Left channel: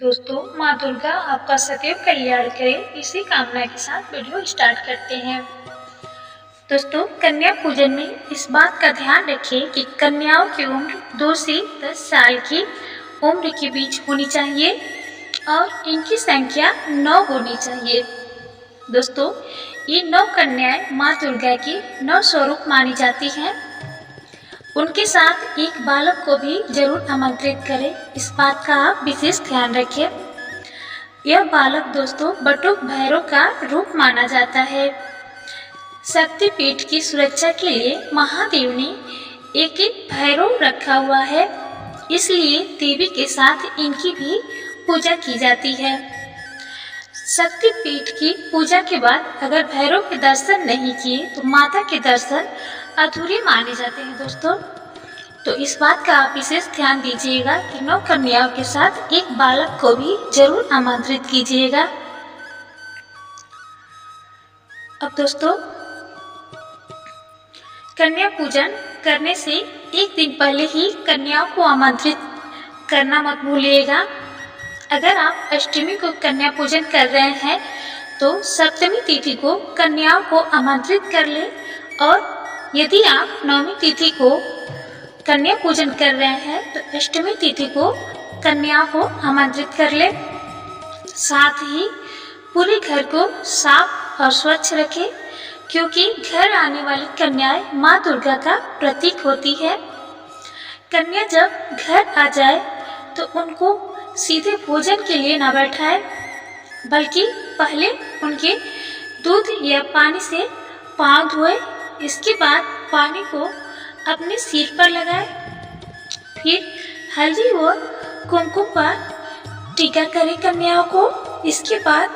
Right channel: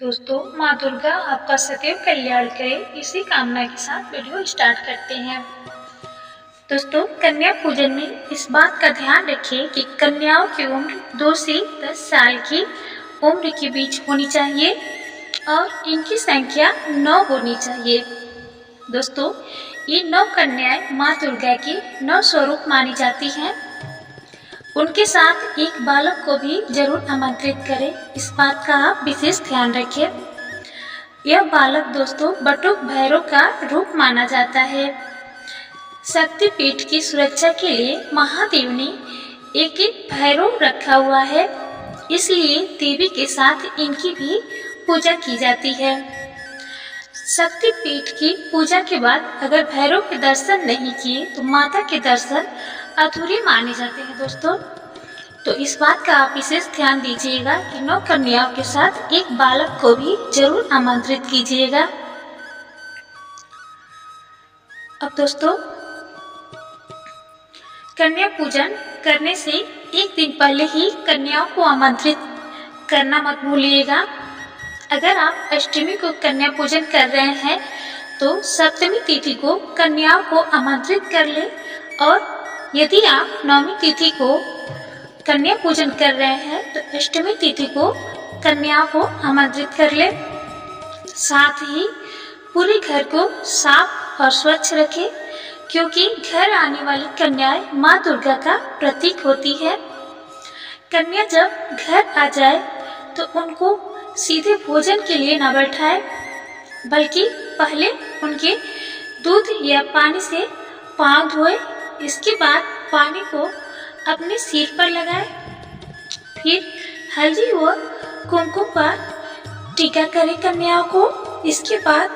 दोस्तों, माँ दुर्गा आपका सदैव कल्याण करे, इसी कामना के साथ वीडियो स्टार्ट करते हैं। दोस्तों, कन्या पूजन में इस बात का ध्यान रखें कि कन्याओं की उम्र 2 से 10 साल की उम्र के बीच होनी चाहिए और इनकी संख्या 9 होनी चाहिए। दोस्तों, ये 9 कन्याएं माँ दुर्गा की 9 स्वरूप मानी जाती हैं। उनके साथ एक बालक को भी जरूर आमंत्रित करें, इस बात का आप विशेष ध्यान रखें। यह बालक दोस्तों बटुक भैरव का रूप माना जाता है। शक्तिपीठ की सुरक्षा के लिए महादेव ने एक भैरव रखा हुआ है, इसलिए देवी के साथ इनकी भी पूजा की जाती है। शक्तिपीठ की पूजा के बाद अगर भैरव के दर्शन नहीं किए तो माता के दर्शन अधूरे माने जाते हैं। दोस्तों, तो इस बात का आप विशेष ध्यान दीजिएगा कि 9 कन्याओं के साथ एक बालक को भी जरूर आमंत्रित कीजिएगा। अब दोस्तों, कन्या पूजन करने से एक दिन पहले ही कन्याओं को आमंत्रित करना मत भूलिएगा। अगर आप अष्टमी को कन्या पूजन कर रहे हैं तो सप्तमी तिथि को कन्याओं को आमंत्रित कर ले, और यदि आप नवमी तिथि को कन्या पूजन कर रहे हैं तो अष्टमी तिथि को कन्याओं को आमंत्रित कर ले। साथ ही पूरे घर को साफ और स्वच्छ रखें, क्योंकि घर आने वाली कन्याएं माँ दुर्गा का प्रतीक होती है। कन्या जब घर आ जाए तो उनको सीधे भोजन के लिए न बैठाए, बल्कि पहले उनके दूध या पानी से पाँव धोए। इसके बाद पानी को अपने सिर पर लगाए, फिर हल्दी और कुमकुम पर टीका करें कन्याओं को। इसके बाद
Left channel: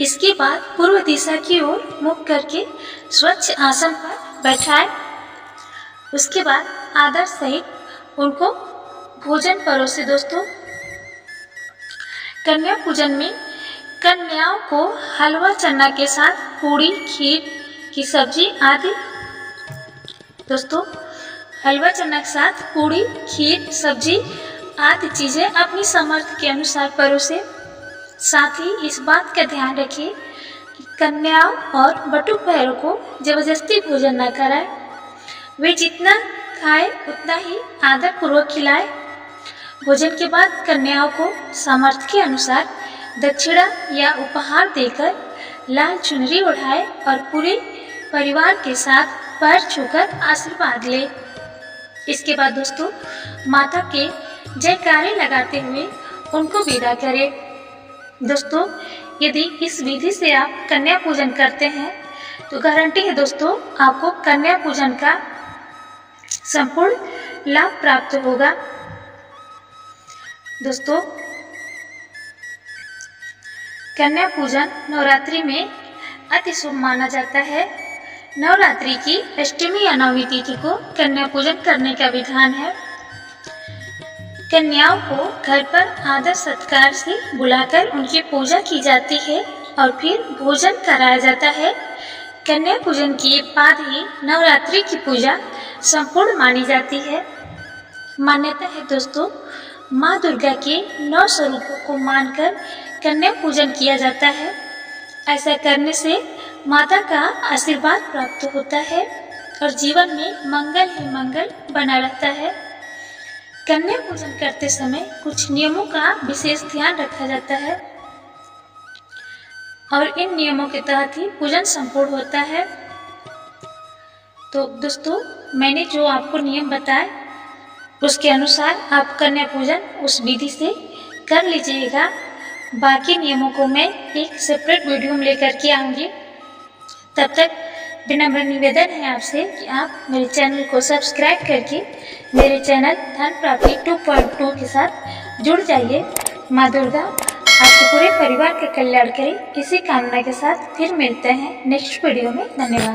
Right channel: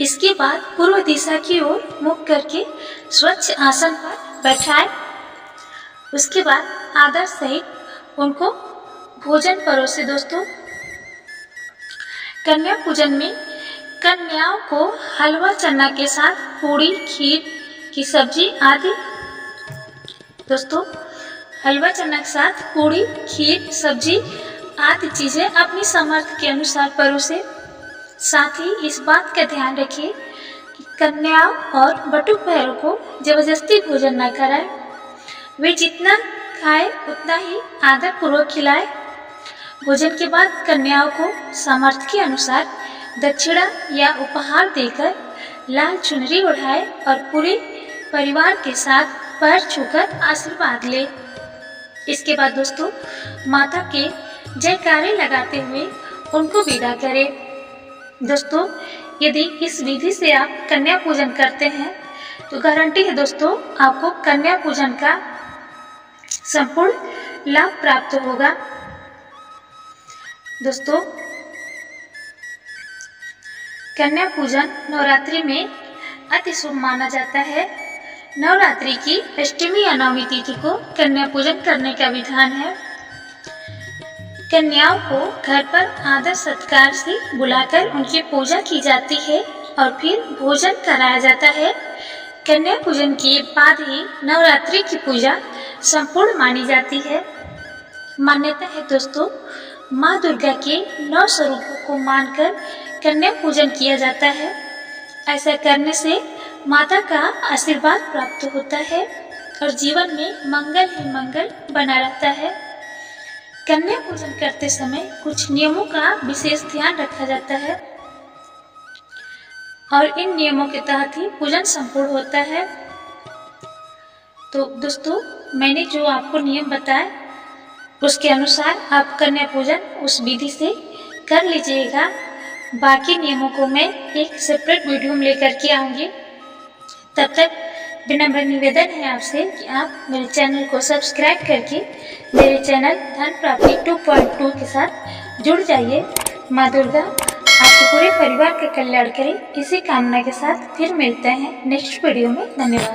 इसके बाद पूर्व दिशा की ओर मुख करके स्वच्छ आसन पर बैठाए। उसके बाद आदर सहित उनको भोजन परोसे। दोस्तों, कन्या पूजन में कन्याओं को हलवा चना के साथ पूड़ी, खीर की सब्जी आदि हलवा चना के साथ पूड़ी, खीर, सब्जी आदि चीज़ें अपनी सामर्थ्य के अनुसार परोसे। साथ ही इस बात का ध्यान रखिए कि कन्याओं और बटुक भैरव को जबरदस्ती भोजन न कराए। वे जितना खाए उतना ही आदर पूर्वक खिलाए। भोजन के बाद कन्याओं को सामर्थ्य के अनुसार दक्षिणा या उपहार देकर लाल चुनरी ओढ़ाए और पूरे परिवार के साथ पैर छूकर आशीर्वाद ले। इसके बाद दोस्तों, माता के जयकारे लगाते हुए उनको विदा करें। दोस्तों, यदि इस विधि से आप कन्या पूजन करते हैं तो गारंटी है दोस्तों, आपको कन्या पूजन का संपूर्ण लाभ प्राप्त होगा। दोस्तों, कन्या पूजन नवरात्रि में अति शुभ माना जाता है। नवरात्रि की अष्टमी या नवमी तिथि को कन्या पूजन करने का विधान है। कन्याओं को घर पर आदर सत्कार से बुलाकर उनकी पूजा की जाती है और फिर भोजन कराया जाता है। कन्या पूजन के बाद ही नवरात्रि की पूजा संपूर्ण मानी जाती है। मान्यता है दोस्तों, माँ दुर्गा के 9 स्वरूपों को मानकर कन्या पूजन किया जाता है। ऐसा करने से माता का आशीर्वाद प्राप्त होता है और जीवन में मंगल ही मंगल बना रहता है। कन्या पूजन करते समय कुछ नियमों का विशेष ध्यान रखा जाता है और इन नियमों के तहत ही पूजन संपूर्ण होता है। तो दोस्तों, मैंने जो आपको नियम बताए उसके अनुसार आप कन्या पूजन उस विधि से कर लीजिएगा। बाकी नियमों को मैं एक सेपरेट वीडियो में लेकर के आऊँगी। तब तक विनम्र निवेदन है आपसे कि आप मेरे चैनल को सब्सक्राइब करके मेरे चैनल धन प्राप्ति 2.2 के साथ जुड़ जाइए। माँ दुर्गा आपके पूरे परिवार का कल्याण करे, इसी कामना के साथ फिर मिलते हैं नेक्स्ट वीडियो में। धन्यवाद।